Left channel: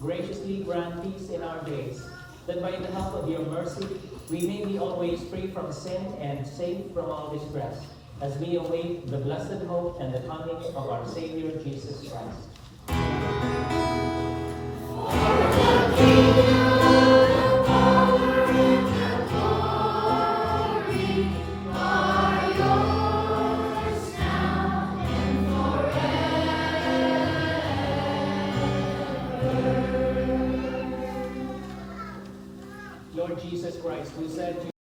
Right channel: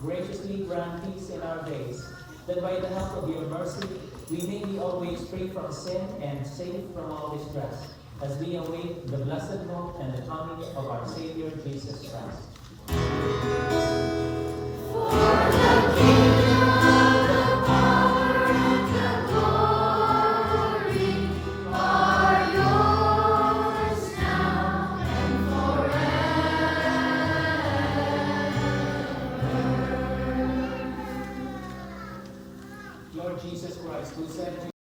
graciously grant peace in our days, that by the help of your mercy we may be always free from sin and safe from all distress, as we await the blessed hope and the coming of our Savior Jesus Christ. Lord Jesus Christ, who said to